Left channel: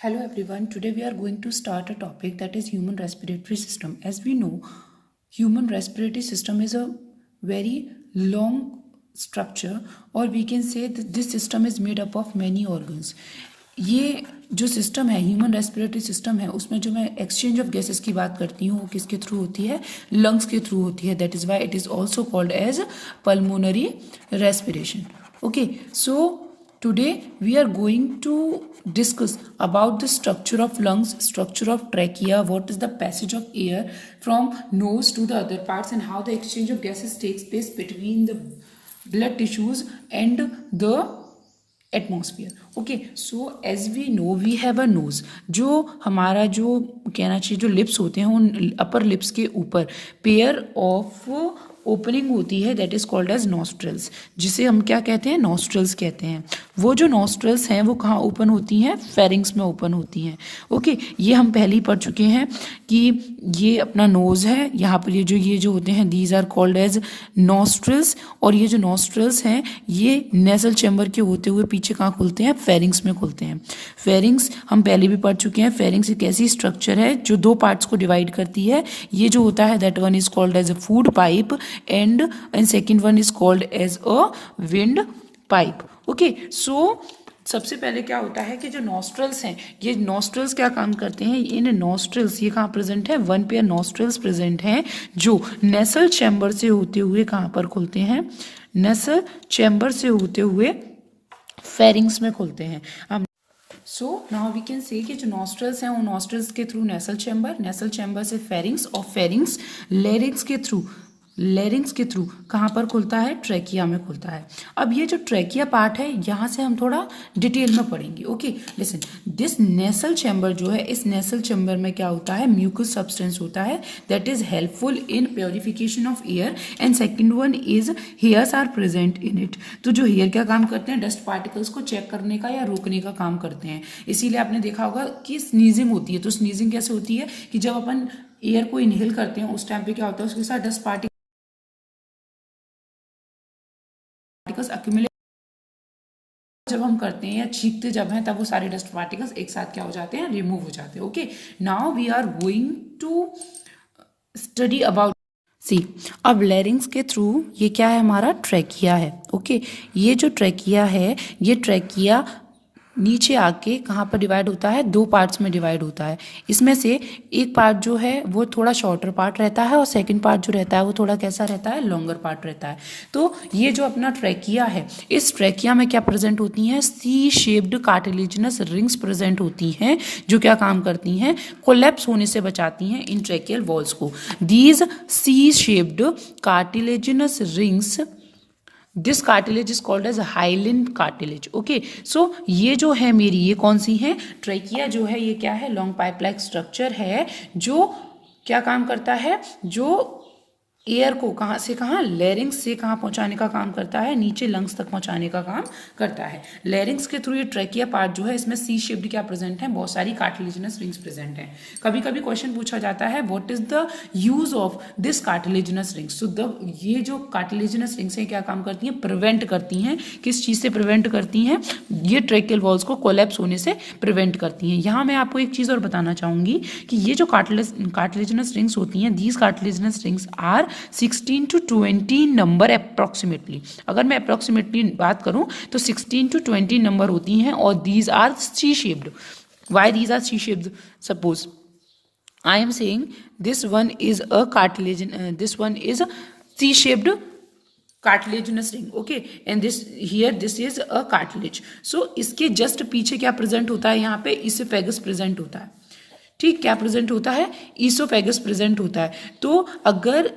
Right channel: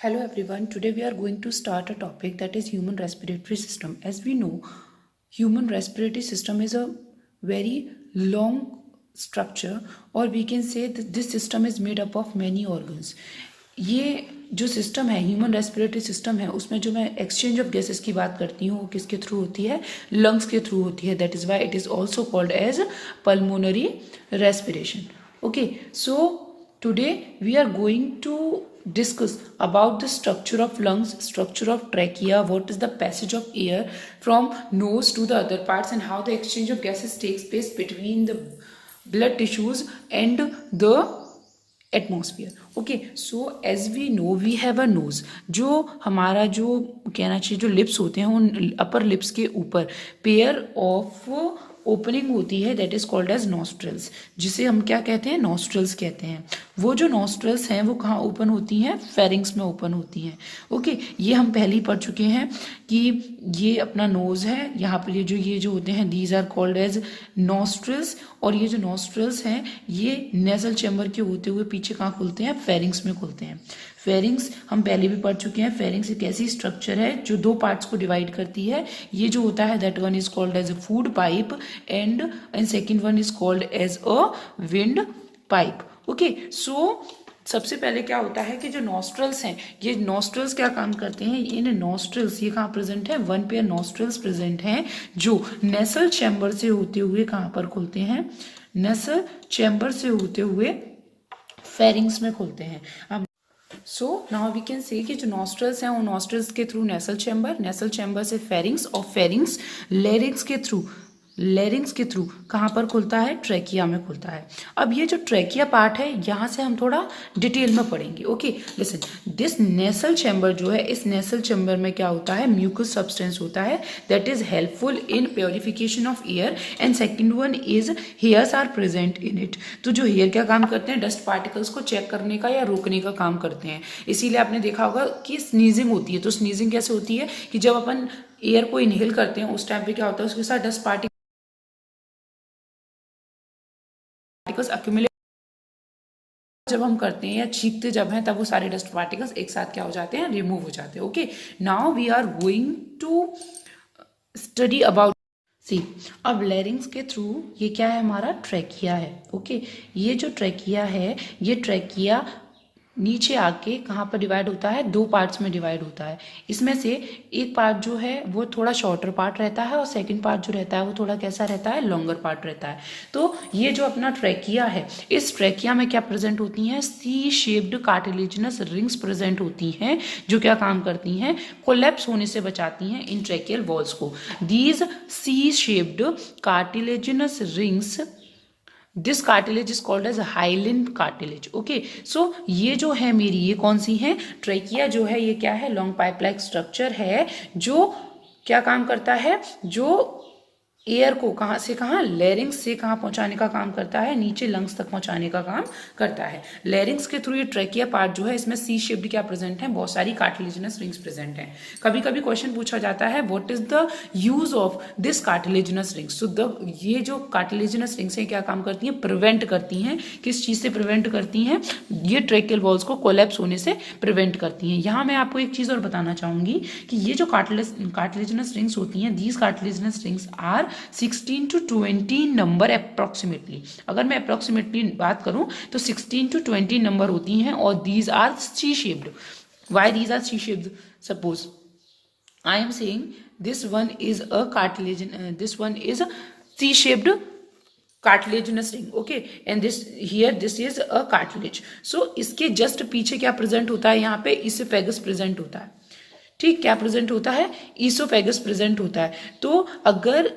Hello everyone. Today we are going to start a topic that is human respiratory system. As we know, human respiratory system is a very long structure, or we can say that this system is made up of many organs. ये जो system है human respiratory system है उसमें जो मैं exchange of gases की बात करती हूँ वो किसके थ्रू होती है, लंग्स के थ्रू होती है. That is why it is also called as pulmonary respiration. Okay, so today we are going to discuss about the structure of lungs, structure of trachea, what is the passage of air from nose to the other parts, and how the exchange of gases takes place between the blood tissues and the atmosphere. Okay, so as we know we have a nose. जो हमारा जो कहना चाहिए जो lips होते हैं उन upper lips के ऊपर पेयर ऑफ ओपनिंग होती है that is called as nostrils, जिसे हम क्या कहते हैं, नॉस्ट्रल्स कहते हैं. वो जो नॉस्ट्रल्स हैं वो कहाँ ओपन होती हैं, फेरिंग्स में ओपन होती हैं. ओके, ये हम पहले ही पढ़ चुके हैं कि ये अपना नोज है, यहाँ पर ये जो होते हैं these are called as nostrils. और ये जो नॉस्ट्रल्स हैं ये नेजल चैम्बर के होते हुए पीछे कहाँ खुलते हैं, फेरिंग्स में खुलते हैं. फेरिंग्स हम पहले भी पढ़ चुके हैं. फेरिंग्स एक ऐसी स्ट्रक्चर है जो दो पार्ट्स को डिवाइड करती है. ये जो होता है that one is called as a food pipe and second one is called as a wind pipe. Okay, so सबसे पहले क्या होता है कि जो नॉस्ट्रल्स हैं, ये नॉस्ट्रल्स क्या काम करते हैं, इन नॉस्ट्रल्स ये कहाँ प्रेजेंट है, वन पेयर नॉस्ट्रल्स प्रेजेंट हैं जो नेसल चैम्बर से होते हुए कहाँ पर खुलते हैं, नेसल चैम्बर से होते हुए फेरिंग्स में खुलते हैं. हम सो नाउ वी कैन से कि जो नॉस्ट्रल्स हैं वो नॉस्ट्रल्स के थ्रू नेसल चैम्बर से फेरिंग्स, और फेरिंग्स लेरिंग्स के थ्रू कहाँ पर खुलता है, ट्रैकिया में खुलता है. अब ये जो ट्रैकिया पार्ट है यहाँ से हम थोड़ा डिटेल में पढ़ेंगे. Okay, listen, this nasal chamber जो है, इस नेसल चैम्बर में क्या होता है, म्यूकस सब्सटेंस होता है that is helpful in purification of air. And second one is hairs are present in it. तो जो हेयर क्या काम करते हैं, डस्ट पार्टिकल्स को चेक करने का या रोकने का काम करते हैं. इसीलिए आपने देखा होगा कि स्नीजिंग होती है. तो स्नीजिंग कैसे होती है कि जब अपन एयर को इनहेल करते हैं उस टाइम पे क्या होता है, उसके साथ डस्ट पार्टिकल्स अक्यूमुलेट जब हम करते हैं या छींकते जब हैं तब वो सारे डस्ट पार्टिकल्स एक साथ क्या हो जाते हैं, रिमूव हो जाते हैं. Okay, now we are going to study about C. अब लेरिंग्स के थ्रू ये क्या है, हमारा ट्रैकिया है. ओके, ये जो ट्रैकिया है, ये ट्रैकिया नीचे आके कहाँ पर डिवाइड होता है, दो पार्ट्स में डिवाइड होता है. इसमें से एक पार्ट जो है वो थोड़ा शॉर्टर पार्ट रहता है और सेकंड पार्ट जो रहता है वो थोड़ा कैसा रहता है, लॉन्गर पार्ट रहता है. तो ये जो अपना ट्रैकिया है, इस ट्रैकिया में क्या प्रेजेंट होती हैं, C shaped cartilaginous rings present होती हैं जो क्या काम करती हैं, कोलैप्स होने से बचाती हैं इन ट्रैकियल वॉल्स को. These C shaped cartilaginous rings, this cartilage is called as hyaline cartilage. Okay, so ये जो है मेरी, ये कौन सी है, ट्रैकिया जो है ये क्या है, लॉन्ग पाइप लाइक स्ट्रक्चर है जो क्या काम करता है, जो एयर को कहाँ से कहाँ, लेरिंग्स से कहाँ पहुंचाने का काम करता है, नीचे लंग्स तक पहुंचाने का काम करता है. लेरिंग्स के थ्रू ये ट्रैकिया पार्ट जो है इसमें सी शेप्ड क्या प्रेजेंट है, बहुत सारी कार्टिलेजिनस रिंग्स प्रेजेंट हैं. कभी कभी क्वेश्चन पूछा जाता है what is the use of this cartilaginous rings. So ये जो कार्टिलेजिनस रिंग्स हैं क्या काम करती हैं, प्रिवेंट करती हैं. किस चीज से प्रिवेंट करती हैं, ये ट्रैकियल वॉल्स को कोलैप्स होने से प्रिवेंट करती हैं. यहाँ मैं आपको एक चीज और बताना चाहूंगी कि ये जो कार्टिलेजिनस रिंग्स होती हैं, these cartilaginous rings are 16 to 20 number approximately. अगर मैं अप्रोक्सीमेटली बात करूं तो 16 to 20 नंबर होती हैं और these are C shaped. Why these are C shaped, suppose I am saying this one is a cartilage, this one is C shaped cartilaginous ring. Okay, and this here this is a cartilage. So इसके just पीछे क्या present होता है, यहाँ पे oesophagus present होता है. ठीक, क्या प्रेजेंट होता है, इसोफेगस प्रेजेंट होता है. तो अगर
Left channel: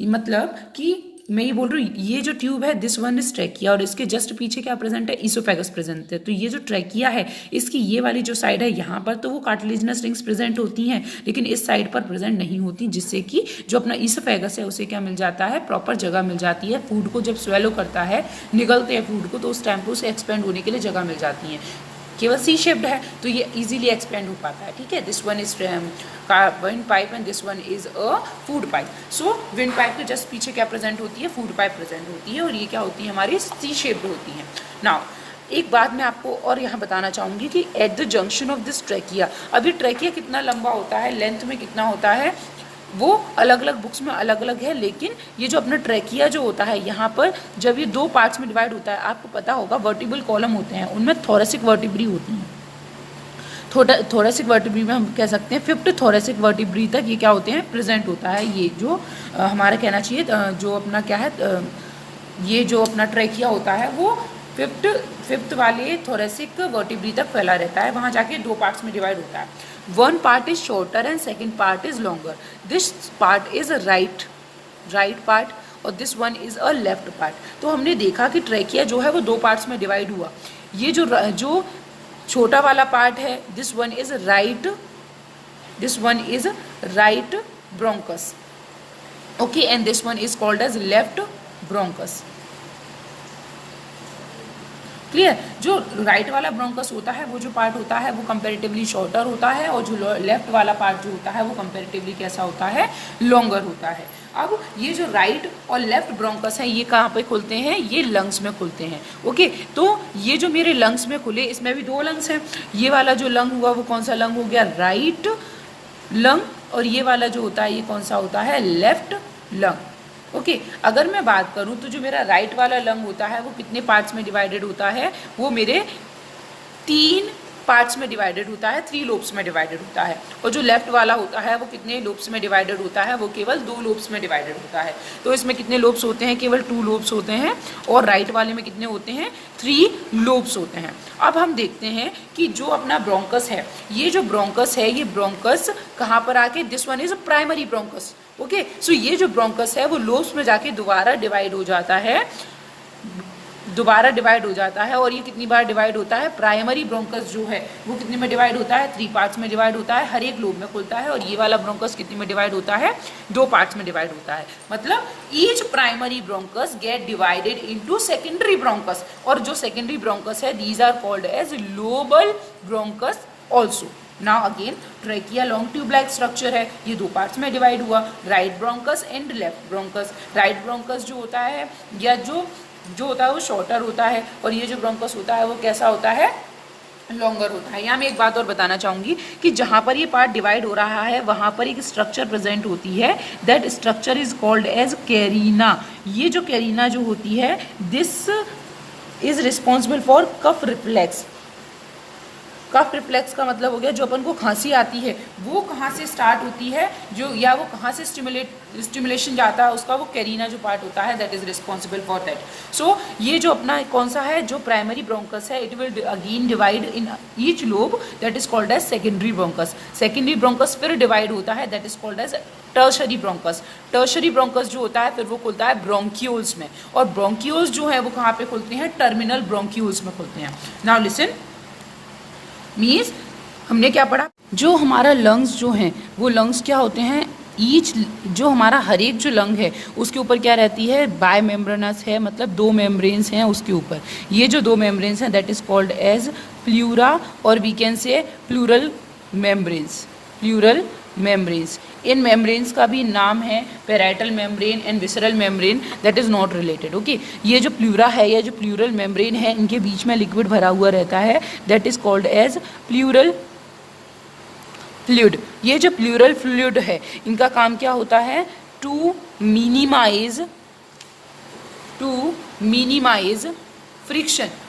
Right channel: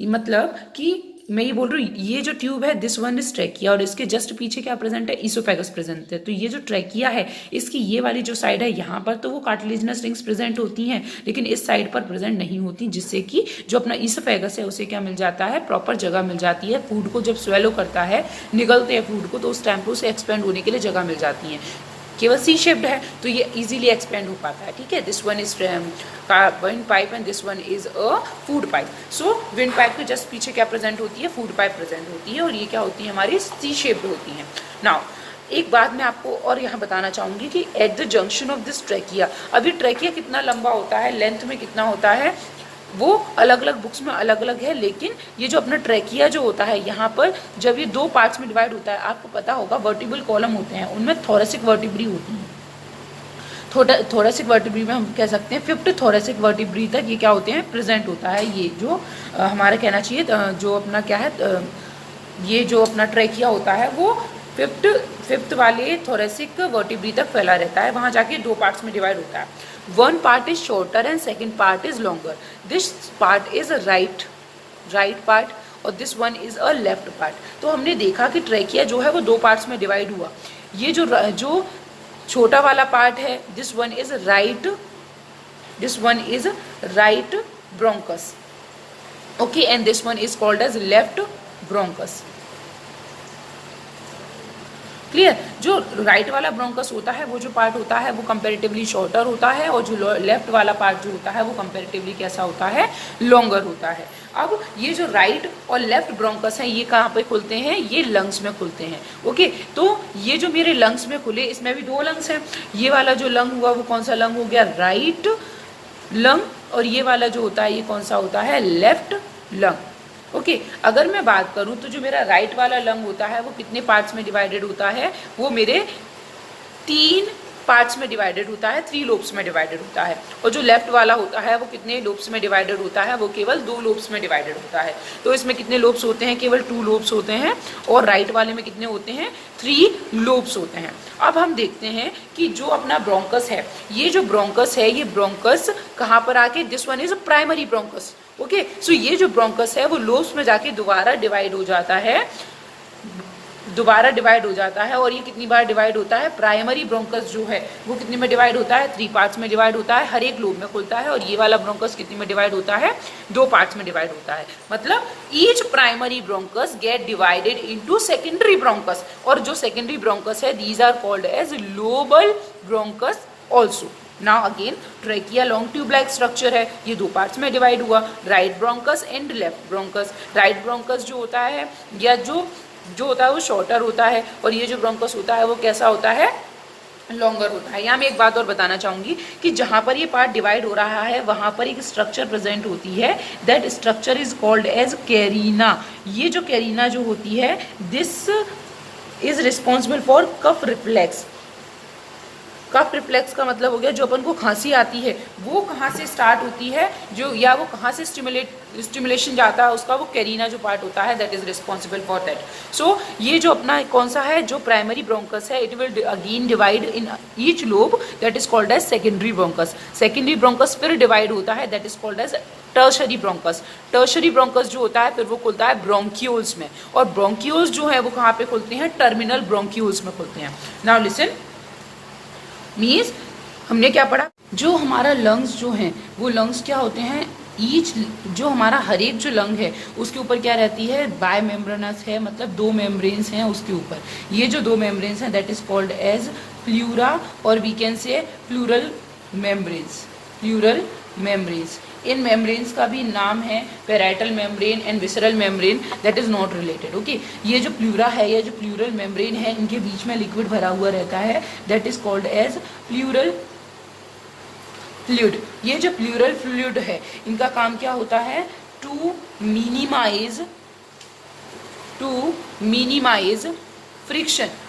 मतलब कि मैं ये बोल रही हूँ ये जो ट्यूब है दिस वन इज ट्रैकिया और इसके जस्ट पीछे क्या प्रेजेंट है, इसोफेगस प्रेजेंट है. तो ये जो ट्रैकिया है इसकी ये वाली जो साइड है यहाँ पर तो वो कार्टिलेजिनस रिंग्स प्रेजेंट होती हैं, लेकिन इस साइड पर प्रेजेंट नहीं होती, जिससे कि जो अपना इसोफेगस है उसे क्या मिल जाता है, प्रॉपर जगह मिल जाती है. फूड को जब स्वेलो करता है, निगलते हैं फूड को, तो उस टाइम पर उसे एक्सपेंड होने के लिए जगह मिल जाती है. केवल सी शेप्ड है तो ये इजीली एक्सपेंड हो पाता है. ठीक है, this one is wind pipe and this one is a food pipe. So wind pipe के जस्ट पीछे क्या प्रेजेंट होती है, फूड पाइप प्रेजेंट होती है और ये क्या होती है, हमारी सी शेप्ड होती है. नाउ एक बात मैं आपको और यहाँ बताना चाहूँगी कि at the junction of this trachea, अभी ट्रैकिया कितना लंबा होता है, लेंथ में कितना होता है, वो अलग अलग बुक्स में अलग अलग है, लेकिन ये जो अपना ट्रैकिया जो होता है यहाँ पर जब ये 2 पार्ट्स में डिवाइड होता है, आपको पता होगा वर्टिब्रल कॉलम होते हैं, उनमें थोरेसिक वर्टिब्री होती हैं। थोरेसिक वर्टिब्री में हम कह सकते हैं 5th थोरेसिक वर्टिब्री तक ये क्या होते हैं, प्रेजेंट होता है। ये जो हमारा कहना चाहिए जो अपना क्या है, ये जो अपना ट्रैकिया होता है वो 5th वाले थोरेसिक वर्टिब्री तक फैला रहता है, वहाँ जाके 2 पार्ट्स में डिवाइड होता है। One part is shorter and second part is longer. This part is right part और this one is a left part. तो हमने देखा कि ट्रैकिया जो है वो 2 पार्ट्स में डिवाइड हुआ। ये जो छोटा वाला पार्ट है, this one is right bronchus, okay, and this one is called as left bronchus. Clear? जो राइट वाला ब्रोंकस होता है, वो जो पार्ट होता है वो कंपैरेटिवली शॉर्टर होता है, और जो लेफ्ट वाला पार्ट जो होता है वो कंपैरेटिवली कैसा होता है, लॉन्गर होता है। अब ये जो राइट और लेफ्ट ब्रोंकस हैं, ये कहाँ पे खुलते हैं, ये लंग्स में खुलते हैं, ओके। तो ये जो मेरे लंग्स में खुले, इसमें भी 2 लंग्स हैं। ये वाला जो लंग हुआ वो कौन सा लंग हो गया, राइट लंग, और ये वाला जो होता है ये कौन सा होता है, लेफ्ट लंग, ओके। अगर मैं बात करूं तो जो मेरा राइट वाला लंग होता है वो कितने पार्ट्स में डिवाइडेड होता है, वो मेरे 3 पार्ट्स में डिवाइडेड होता है, 3 लोब्स में डिवाइडेड होता है। और जो लेफ्ट वाला होता है वो कितने लोब्स में डिवाइडेड होता है, वो केवल 2 लोब्स में डिवाइडेड होता है। तो इसमें कितने लोब्स होते हैं, केवल 2 लोब्स होते हैं, और राइट वाले में कितने होते हैं, 3 लोब्स होते हैं। अब हम देखते हैं कि जो अपना ब्रोंकस है, ये जो ब्रोंकस है, ये ब्रोंकस कहाँ पर आके, this one is a primary bronchus, okay. So ये जो ब्रोंकस है वो लोब्स में जाके दोबारा डिवाइड हो जाता है, और ये कितनी बार डिवाइड होता है, प्राइमरी ब्रोंकस जो है वो कितने में डिवाइड होता है, 3 पार्ट्स में डिवाइड होता है, हर एक लोब में खुलता है। और ये वाला ब्रोंकस कितने में डिवाइड होता है, 2 पार्ट्स में डिवाइड होता है। मतलब each primary bronchus get divided into secondary bronchus, और जो सेकेंडरी ब्रोंकस है these are called as lobar bronchus also. Now again trachea long tube like structure है, ये 2 पार्ट्स में डिवाइड हुआ, right bronchus and left bronchus. Right bronchus जो होता है, या जो होता है वो शॉर्टर होता है, और ये जो ब्रोंकस होता है वो कैसा होता है, लॉन्गर होता है। यहाँ मैं एक बात और बताना चाहूँगी कि जहाँ पर ये पार्ट डिवाइड हो रहा है वहाँ पर एक स्ट्रक्चर प्रेजेंट होती है, that structure is called as carina. ये जो कैरिना जो होती है, this is responsible for cough reflex. Cough reflex का मतलब हो गया जो अपन को खांसी आती है वो कहाँ से स्टार्ट होती है, जो या वो कहाँ से स्टिमुलेशन जाता है, उसका वो कैरिना जो पार्ट होता है that is responsible for that. So ये जो अपना कौन सा है, जो प्राइमरी ब्रोंकस है, it will again divide in each lobe, that is called as secondary bronchus. Secondary bronchus फिर डिवाइड होता है, that is called as tertiary bronchus. Tertiary bronchus जो होता है फिर वो खुलता है ब्रोंक्यूल्स में, और ब्रोंक्यूल्स जो है वो कहाँ पे खुलते हैं, टर्मिनल ब्रोंक्यूल्स में खुलते हैं। नाउ लिसन, मीन्स हमने क्या पढ़ा, जो हमारा लंग्स जो हैं वो लंग्स क्या होते हैं, ईच जो हमारा हर एक जो लंग है उसके ऊपर क्या रहती है, बाय मेम्ब्रेनस है, मतलब 2 मेम्ब्रेन्स हैं उसके ऊपर। ये जो 2 मेम्ब्रेन्स हैं that is called as pleura, और we can say pleural membranes. इन मेम्ब्रेन्स का भी नाम है parietal membrane and visceral membrane, that is not related, okay. ये जो प्लूरा है, ये जो प्लूरल मेम्ब्रेन है, इनके बीच में लिक्विड भरा हुआ रहता है, that is called as pleural fluid. ये जो प्लूरल फ्लूइड है, इनका काम क्या होता है, टू मिनिमाइज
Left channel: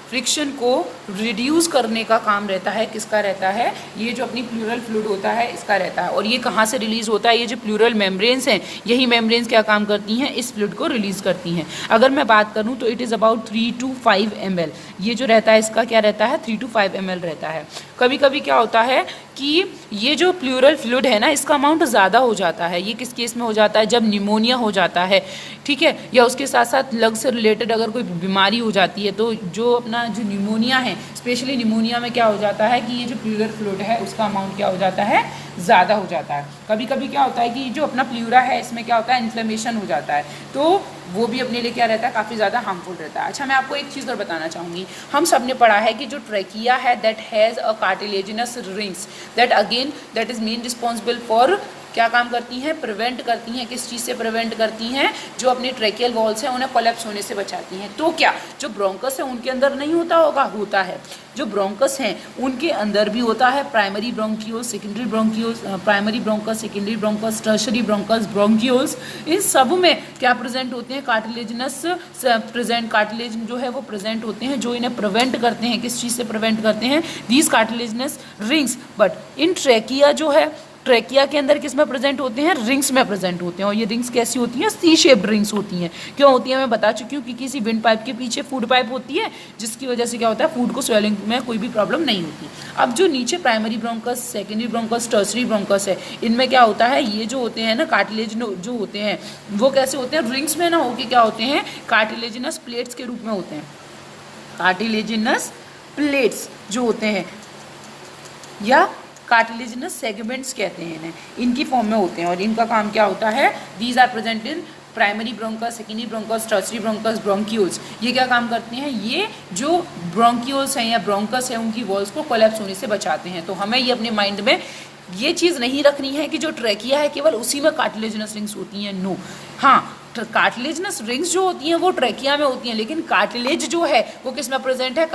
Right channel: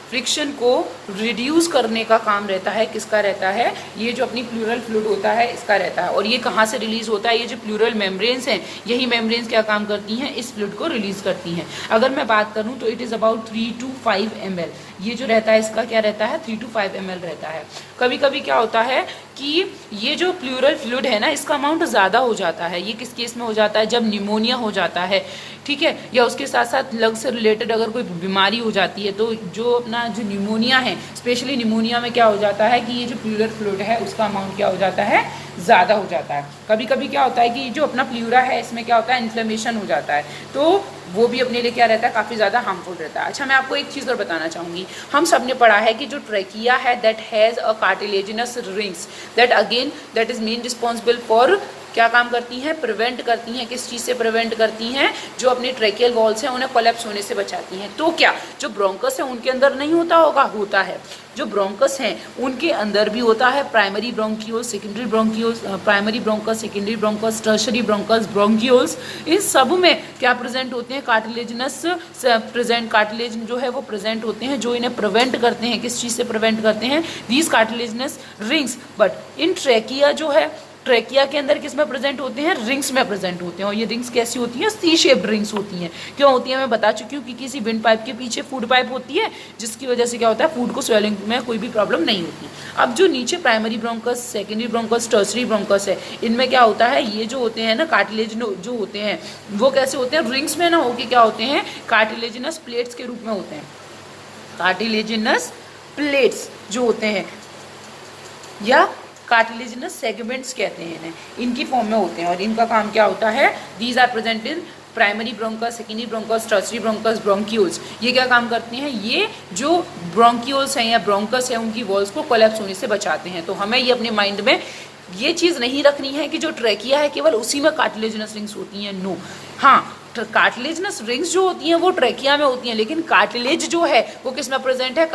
फ्रिक्शन को रिड्यूस करने का काम रहता है, किसका रहता है, ये जो अपनी प्लूरल फ्लूइड होता है इसका रहता है। और ये कहाँ से रिलीज होता है, ये जो प्लूरल मेम्ब्रेन्स हैं, यही मेम्ब्रेन्स क्या काम करती हैं, इस फ्लूइड को रिलीज करती हैं। अगर मैं बात करूँ तो it is about 3 to 5 ml, ये जो रहता है इसका क्या रहता है, 3 to 5 ml रहता है। कभी कभी क्या होता है कि ये जो प्लूरल फ्लूइड है ना, इसका अमाउंट ज़्यादा हो जाता है। ये किस केस में हो जाता है, जब निमोनिया हो जाता है, ठीक है, या उसके साथ साथ लंग से रिलेटेड अगर कोई बीमारी हो जाती है, तो जो अपना जो निमोनिया है, स्पेशली निमोनिया में क्या हो जाता है कि ये जो प्लूरल फ्लूइड है उसका अमाउंट क्या हो जाता है, ज़्यादा हो जाता है। कभी कभी क्या होता है कि जो अपना प्लूरा है इसमें क्या होता है, इन्फ्लेमेशन हो जाता है, तो वो भी अपने लिए क्या रहता है, काफ़ी ज़्यादा हार्मफुल रहता है। अच्छा, मैं आपको एक चीज़ और बताना चाहूँगी, हम सब ने पढ़ा है कि जो ट्रैकिया है that has a cartilaginous rings, that is main responsible for क्या काम करती हैं, प्रिवेंट करती हैं। किस चीज़ से प्रिवेंट करती हैं, जो अपनी ट्रेकियल वॉल्स हैं उन्हें कोलैप्स होने से बचाती हैं। तो क्या जो ब्रोंकस है उनके अंदर नहीं होता होगा, होता है। जो ब्रोंकस हैं उनके अंदर भी होता है primary bronchioles, secondary bronchioles, primary bronchus, secondary bronchus, tertiary bronchus, bronchioles, इन सब में क्या प्रेजेंट होते हैं, कार्टिलेजिनस प्रेजेंट, कार्टिलेज जो है वो प्रेजेंट होते हैं, जो इन्हें प्रिवेंट करते हैं। किस चीज़ से प्रिवेंट करते हैं, these cartilaginous rings. But in trachea जो है, ट्रेकिया के अंदर किस में प्रेजेंट होते हैं, रिंग्स में प्रेजेंट होते हैं। और ये रिंग्स कैसी होती हैं, सी शेप्ड रिंग्स होती हैं। क्यों होती है, मैं बता चुकी हूँ कि किसी विंड पाइप के पीछे फूड पाइप होती है, जिसकी वजह से क्या होता है, फूड को स्वेलिंग में कोई भी प्रॉब्लम नहीं होती। अब जो नीचे primary bronchus, secondary bronchus, tertiary bronchus है, इनमें क्या होता है, ये जो होते हैं ना कार्टिलेज जो होते हैं वो कैसे होते हैं, रिंग्स में ना होके क्या होते हैं, कार्टिलेजिनस प्लेट्स के रूप में होते हैं। कार्टिलेजिनस प्लेट्स जो होते हैं या कार्टिलेजिनस सेगमेंट्स कहते हैं इन्हें, इनकी फॉर्म में होते हैं। और इनका काम क्या होता है, these are present in primary bronchus, secondary bronchus, tertiary bronchus, bronchioles. ये क्या काम करते हैं, ये जो ब्रोंक्यूल्स हैं या ब्रोंकस है उनकी वॉल्स को कोलैप्स होने से बचाते हैं। तो हमें ये अपने माइंड में ये चीज़ नहीं रखनी है कि जो ट्रेकिया है केवल उसी में कार्टिलेजिनस रिंग्स होती हैं, नो। हाँ, कार्टिलेजिनस रिंग्स जो होती हैं वो ट्रेकिया में होती हैं, लेकिन कार्टिलेज जो है वो किस में प्रेजेंट है,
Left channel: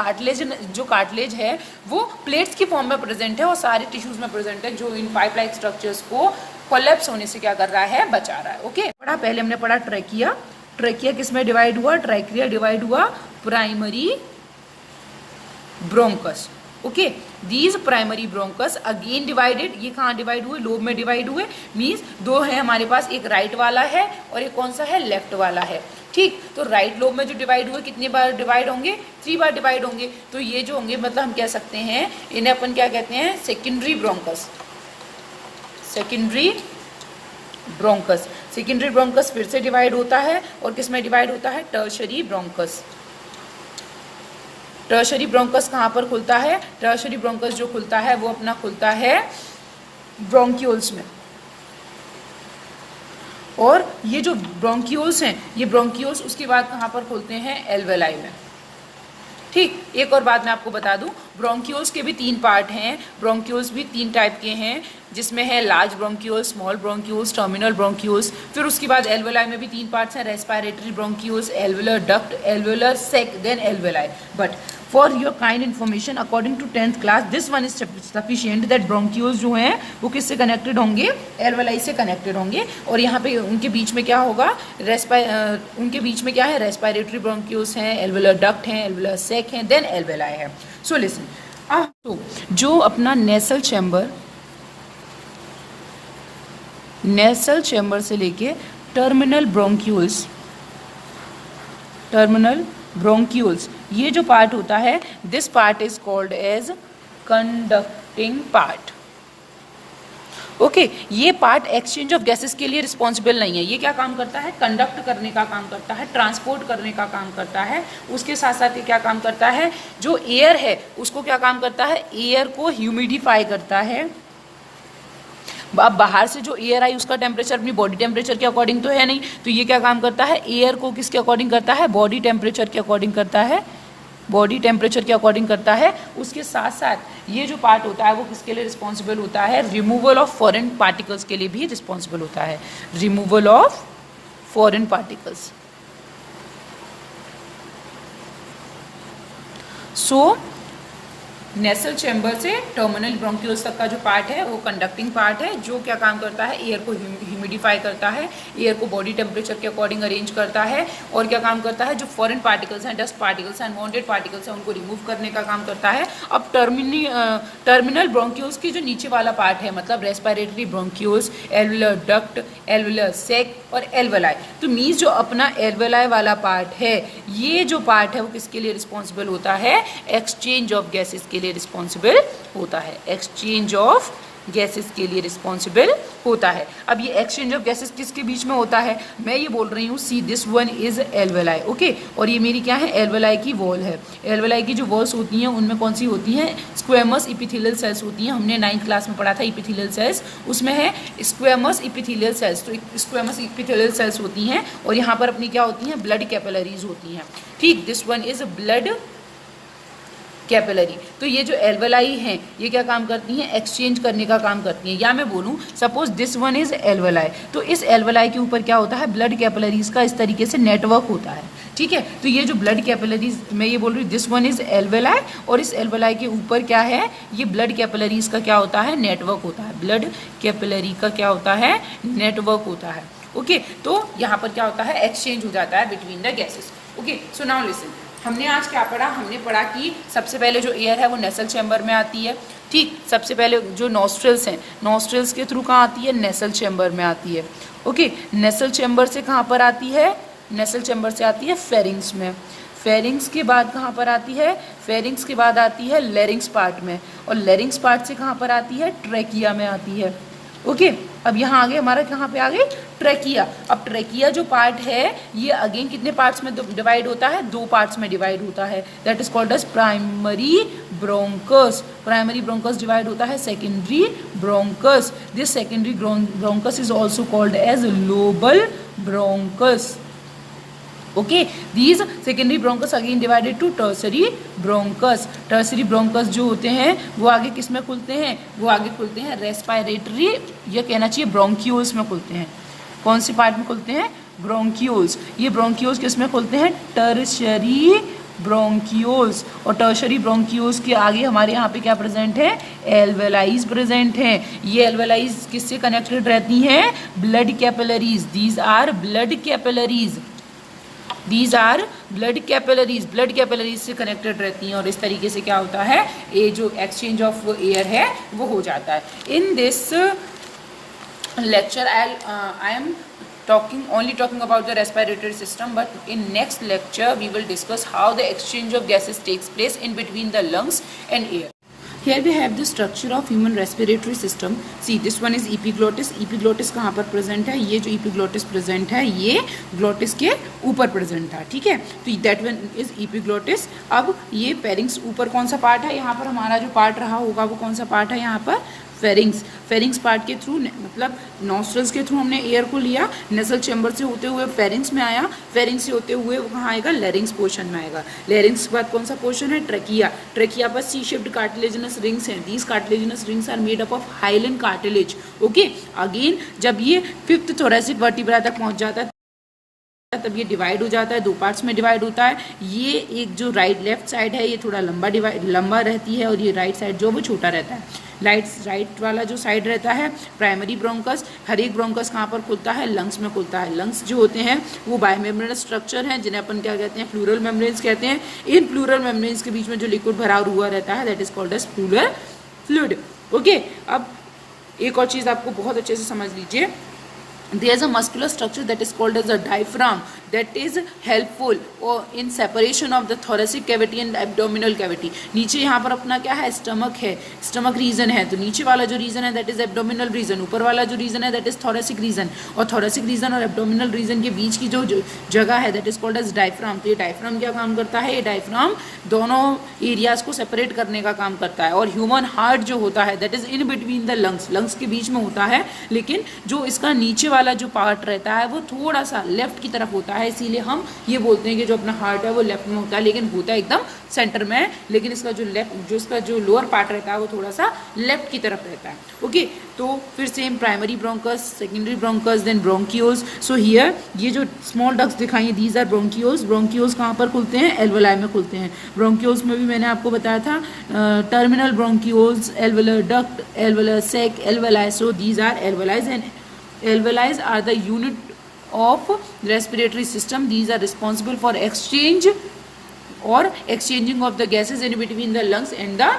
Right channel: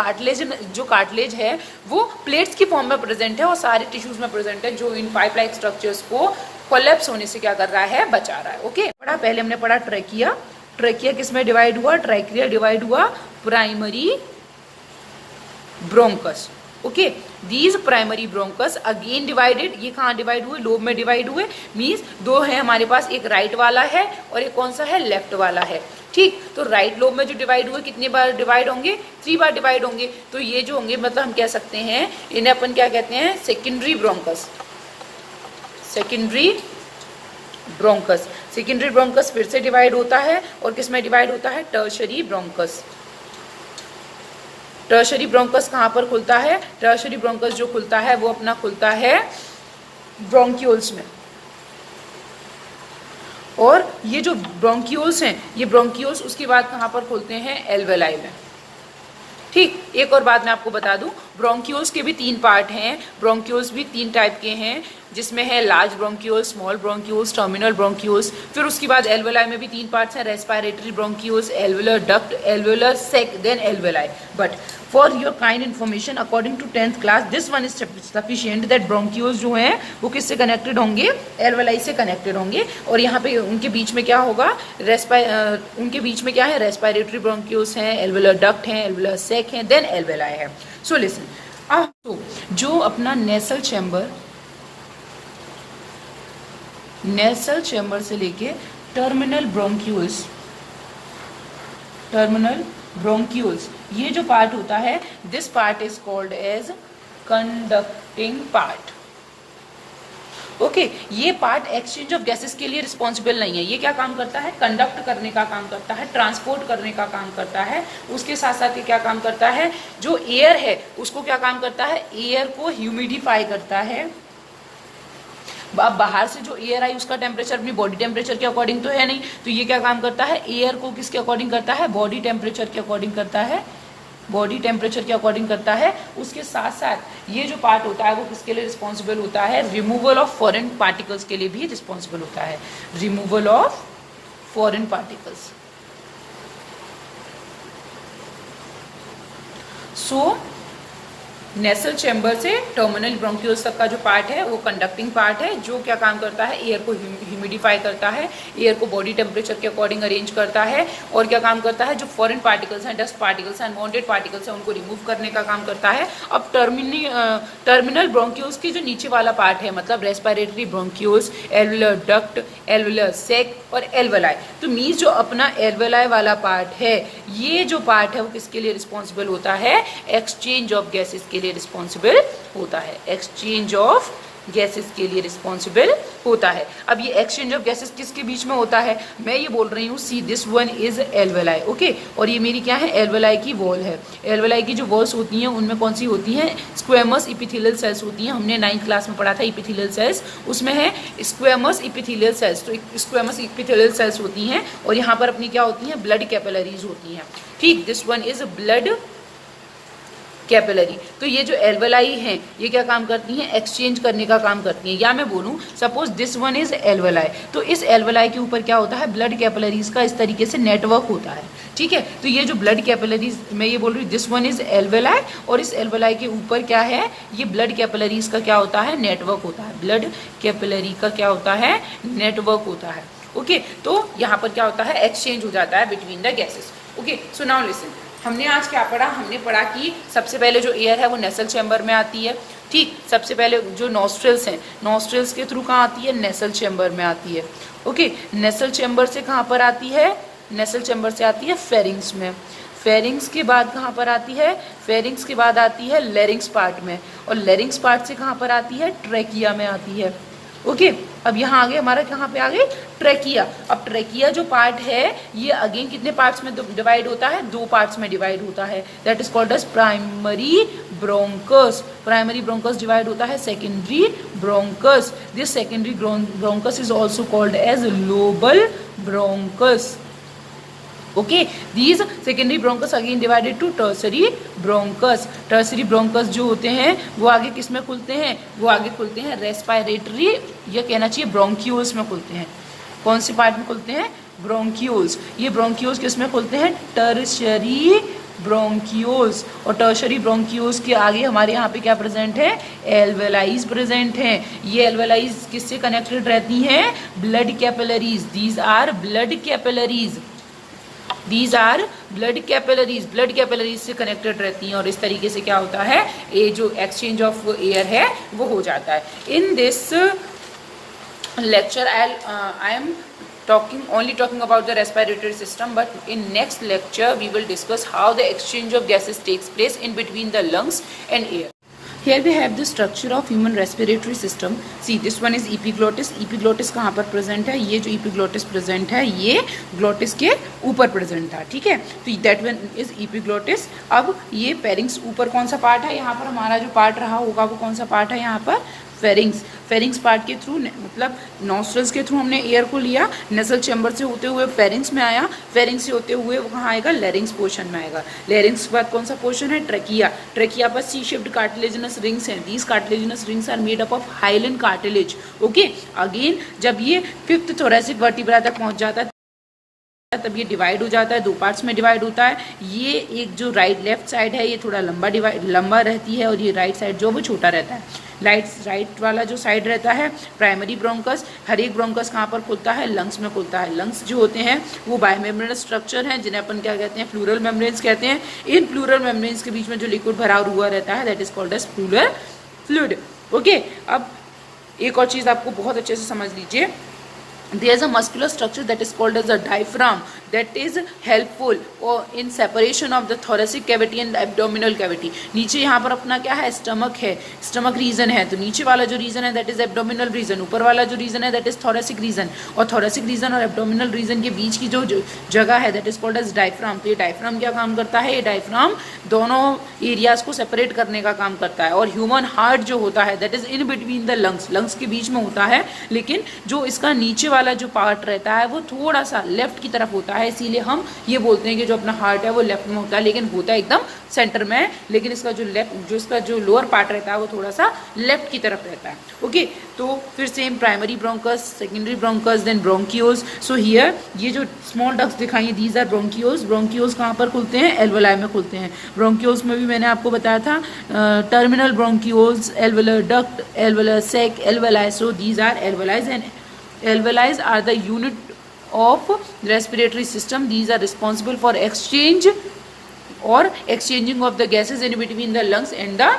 जो कार्टिलेज है वो प्लेट्स की फॉर्म में प्रेजेंट है और सारे टिश्यूज में प्रेजेंट है, जो इन पाइप लाइक स्ट्रक्चर्स को कोलैप्स होने से क्या कर रहा है, बचा रहा है। ओके, पहले हमने पढ़ा ट्रेकिया। ट्रेकिया किस में डिवाइड हुआ, ट्रेकिया डिवाइड हुआ primary bronchus. Okay, these primary bronchus again divided, ये कहाँ डिवाइड हुए, लोब में डिवाइड हुए। मीन्स दो है हमारे पास, एक राइट वाला है और एक कौन सा है, लेफ्ट वाला है। ठीक, तो राइट लोब में जो डिवाइड हुए कितनी बार डिवाइड होंगे, 3 बार डिवाइड होंगे। तो ये जो होंगे मतलब हम कह सकते हैं इन्हें अपन क्या कहते हैं, secondary bronchus. Secondary bronchus, secondary bronchus फिर से डिवाइड होता है और किस में डिवाइड होता है, टर्शरी ब्रोंकस। टर्शरी ब्रोंकस कहाँ पर खुलता है, टर्शरी ब्रोंकस जो खुलता है वो अपना खुलता है ब्रोंक्यूल्स में। और ये जो ब्रोंक्यूल्स हैं, ये ब्रोंक्यूल्स उसके बाद कहाँ पर खुलते हैं, एल्वेलाई में। ठीक, एक और बात मैं आपको बता दूं, ब्रोंक्यूल्स के भी 3 पार्ट हैं। ब्रोंक्यूल्स भी 3 टाइप के हैं, जिसमें है large bronchioles, small bronchioles, terminal bronchioles. फिर उसके बाद एल्वेलाई में भी 3 पार्ट्स हैं, respiratory bronchioles, alveolar duct, alveolar sac, then alveoli. But for your kind information, according to 10th class, this one is sufficient that bronchioles जो हैं वो किससे कनेक्टेड होंगे, एल्वेलाई से कनेक्टेड होंगे। और यहाँ पे उनके बीच में क्या होगा, उनके बीच में क्या है, रेस्पिरेटरी ब्रोंक्यूल्स हैं, एल्वेलर डक्ट हैं, एल्वेलर सेक हैं, देन एल्वेलाई है। सो लिसन, तो जो अपना नेसल चैम्बर से लेके टर्मिनल ब्रोंक्यूल्स, ये जो पार्ट होता है, this part is called as conducting part. Okay, ये पार्ट एक्सचेंज ऑफ गैसेस के लिए रिस्पॉन्सिबल नहीं है। ये क्या काम करता है, कंडक्ट करने का काम करता है, ट्रांसपोर्ट करने का काम करता है। उसके साथ साथ ये क्या काम करता है, जो एयर है उसको क्या काम करता है, एयर को ह्यूमिडिफाई करता है। बाहर से जो एयर आई उसका टेम्परेचर अपनी बॉडी टेम्परेचर के अकॉर्डिंग तो है नहीं, तो ये क्या काम करता है, एयर को किसके अकॉर्डिंग करता है, बॉडी टेम्परेचर के अकॉर्डिंग करता है, बॉडी टेम्परेचर के अकॉर्डिंग करता है। उसके साथ साथ ये जो पार्ट होता है वो किसके लिए रिस्पॉन्सिबल होता है, रिमूवल ऑफ फॉरेन पार्टिकल्स के लिए भी रिस्पॉन्सिबल होता है, removal of foreign particles. So nasal chamber से टर्मिनल ब्रोंक्यूल्स तक का जो पार्ट है वो कंडक्टिंग पार्ट है, जो क्या काम करता है, एयर को ह्यूमिडिफाई करता है, एयर को बॉडी टेम्परेचर के अकॉर्डिंग अरेंज करता है। और क्या काम करता है, जो फॉरेन पार्टिकल्स हैं, डस्ट पार्टिकल्स हैं, अनवांटेड पार्टिकल्स हैं, उनको रिमूव करने का काम करता है। अब टर्मिनल ब्रोंक्यूल्स की जो नीचे वाला पार्ट है, मतलब respiratory bronchioles, alveolar duct, alveolar sac और एल्वेलाई, तो मीन्स जो अपना एल्वेलाई वाला पार्ट है, ये जो पार्ट है वो किसके लिए रिस्पॉन्सिबल होता है, एक्सचेंज ऑफ गैसेस के लिए रिस्पॉन्सिबल होता है, एक्सचेंज ऑफ गैसेस के लिए रिस्पॉन्सिबल होता है। अब ये एक्सचेंज ऑफ गैसेस किसके बीच में होता है, मैं ये बोल रही हूँ, see this one is alveoli. Okay, और ये मेरी क्या है, एल्वेलाई की वॉल है। एल्वेलाई की जो वॉल्स होती हैं उनमें कौन सी होती हैं, स्क्वेमस इपिथेलियल सेल्स होती हैं। हमने 9th क्लास में पढ़ा था इपिथेलियल सेल्स, उसमें है स्क्वेमस इपिथेलियल सेल्स। तो स्क्वेमस इपिथेलियल सेल्स होती हैं और यहाँ पर अपनी क्या होती हैं, ब्लड कैपिलरीज होती हैं। ठीक, दिस वन इज कैपिलरी। तो ये जो एल्वेलाई हैं ये क्या काम करती हैं, एक्सचेंज करने का काम करती हैं। या मैं बोलूँ suppose this one is alveoli, तो इस एल्वेलाई के ऊपर क्या होता है, ब्लड कैपिलरीज का इस तरीके से नेटवर्क होता है, ठीक है। तो ये जो ब्लड कैपिलरीज, मैं ये बोल रही हूँ दिस वन इज एल्वेलाई, और इस एल्वेलाई के ऊपर क्या है, ये ब्लड कैपिलरीज का क्या होता है, नेटवर्क होता है। ब्लड कैपिलरी का क्या होता है, नेटवर्क होता है। ओके, तो यहाँ पर क्या होता है, एक्सचेंज हो जाता है between the gases. Okay, so now listen, हमने आज क्या पढ़ा, हमने पढ़ा कि सबसे पहले जो एयर है वो नेसल चैम्बर में आती है, ठीक। सबसे पहले जो नॉस्ट्रल्स हैं, नॉस्ट्रल्स के थ्रू कहाँ आती है, नेसल चैम्बर में आती है। ओके, नेसल चैम्बर से कहाँ पर आती है, नेसल चैम्बर से आती है फेरिंग्स में। फेरिंग्स के बाद कहाँ पर आती है, फेरिंग्स के बाद आती है लेरिंग्स पार्ट में, और लेरिंग्स पार्ट से कहाँ पर आती है, ट्रैकिया में आती है। ओके, अब यहाँ आगे हमारा कहाँ पे आ गई, ट्रैकिया। अब ट्रैकिया जो पार्ट है ये अगेन कितने पार्ट्स में डिवाइड होता है, 2 पार्ट्स में डिवाइड होता है, that is called as primary bronchus. Primary bronchus divide होता है secondary bronchus. This secondary bronchus is also called as lobar bronchus. Okay, these secondary bronchus again divided to tertiary bronchus। tertiary bronchus जो होते हैं वो आगे किस में खुलते हैं, वो आगे खुलते हैं रेस्पिरेटरी, ये कहना चाहिए ब्रोंक्यूल्स में खुलते हैं। कौन सी पार्ट में खुलते हैं, ब्रोंक्यूल्स। ये ब्रोंक्यूल्स किस में खुलते हैं, टर्शरी ब्रोंक्यूल्स। और टर्शरी ब्रोंक्यूल्स के आगे हमारे यहाँ पे क्या प्रेजेंट है, एल्वेलाइज प्रेजेंट हैं। ये एल्वेलाइज किससे कनेक्टेड रहती हैं, blood capillaries. These are blood capillaries, these are blood capillaries, blood capillaries से कनेक्टेड रहती हैं। और इस तरीके से क्या होता है, ये जो एक्सचेंज ऑफ एयर है वो हो जाता है। In this lecture I am only talking about the respiratory system, but in next lecture we will discuss how the exchange of gases takes place in between the lungs and air. Here we have the structure of human respiratory system. See, this one is epiglottis. epiglottis कहाँ पर present है, ये जो epiglottis present है ये glottis के ऊपर present था, ठीक है। तो that one is epiglottis। अब ये pharynx ऊपर कौन सा part है, यहाँ पर हमारा जो part रहा होगा वो कौन सा part है, यहाँ पर फेरिंग्स। फेरिंग्स पार्ट के थ्रू, मतलब नॉस्ट्रल्स के थ्रू हमने एयर को लिया, नेसल चैम्बर से होते हुए फेरिंग्स में आया, फेरिंग्स से होते हुए वो कहाँ आएगा, लेरिंग्स पोर्शन में आएगा। लेरिंग्स के बाद कौन सा पोर्शन है, ट्रैकिया। ट्रैकिया पर सी शेप्ड कार्टिलेजिनस रिंग्स हैं। These cartilaginous rings are made up of hyaline cartilage. Okay, again जब ये 5th थोरैसिक वर्टिब्रा तक पहुंच जाता है तब ये डिवाइड हो जाता है, 2 पार्ट्स में डिवाइड होता है। ये एक जो लेफ्ट साइड है ये थोड़ा लंबा रहती है, और ये राइट साइड जो वो छोटा रहता है। राइट वाला जो साइड रहता है प्राइमरी ब्रोंकस। हर एक ब्रोंकस कहाँ पर खुलता है, लंग्स में खुलता है। लंग्स जो होते हैं वो बायोमेम्ब्रेनस स्ट्रक्चर हैं, जिन्हें अपन क्या कहते हैं, प्लूरल मेम्ब्रेन्स कहते हैं। इन प्लूरल मेम्ब्रेन्स के बीच में जो लिक्विड भरा हुआ रहता है that is called as pleural fluid. Okay, अब एक और चीज़ आपको बहुत अच्छे से समझ लीजिए, there is a muscular structure that is called as a diaphragm that is helpful or in separation of the thoracic cavity and the abdominal cavity। नीचे यहाँ पर अपना क्या है, स्टमक है, स्टमक रीजन है। तो नीचे वाला जो रीजन है दैट इज एब्डोमिनल रीजन, ऊपर वाला जो रीजन है दैट इज थोरेसिक रीजन। और थोरेसिक रीजन और एब्डोमिनल रीजन के बीच की जो जगह है that is called as diaphragm. तो ये डायफ्राम क्या काम करता है, ये डायफ्राम दोनों एरियाज को सेपरेट करने का काम करता है। और ह्यूमन हार्ट जो होता है that is in between the lungs, lungs के बीच में होता है, लेकिन जो इसका नीचे वाला जो पार्ट रहता है वो थोड़ा सा लेफ्ट की तरफ होता है। इसीलिए हम ये बोलते हैं कि जो अपना हार्ट है वो लेफ्ट में होता है, लेकिन होता है एकदम सेंटर में। लेकिन इसका इसका जो लोअर पार्ट रहता है वो थोड़ा सा लेफ्ट की तरफ रहता है। ओके, तो फिर same primary bronchus, secondary bronchus, then bronchioles. So here ये जो स्मॉल डक्ट्स दिखाई दीज आर ब्रोंक्यूल्स। ब्रोंक्यूल्स कहाँ पर खुलते हैं, एल्वेलाई में खुलते हैं। ब्रोंक्यूल्स में भी मैंने आपको बताया था terminal bronchioles, alveolar duct, alveolar sac, alveoli. So these are alveoli and alveoli are the unit of respiratory system. These are responsible for exchanging of the gases in between the lungs and the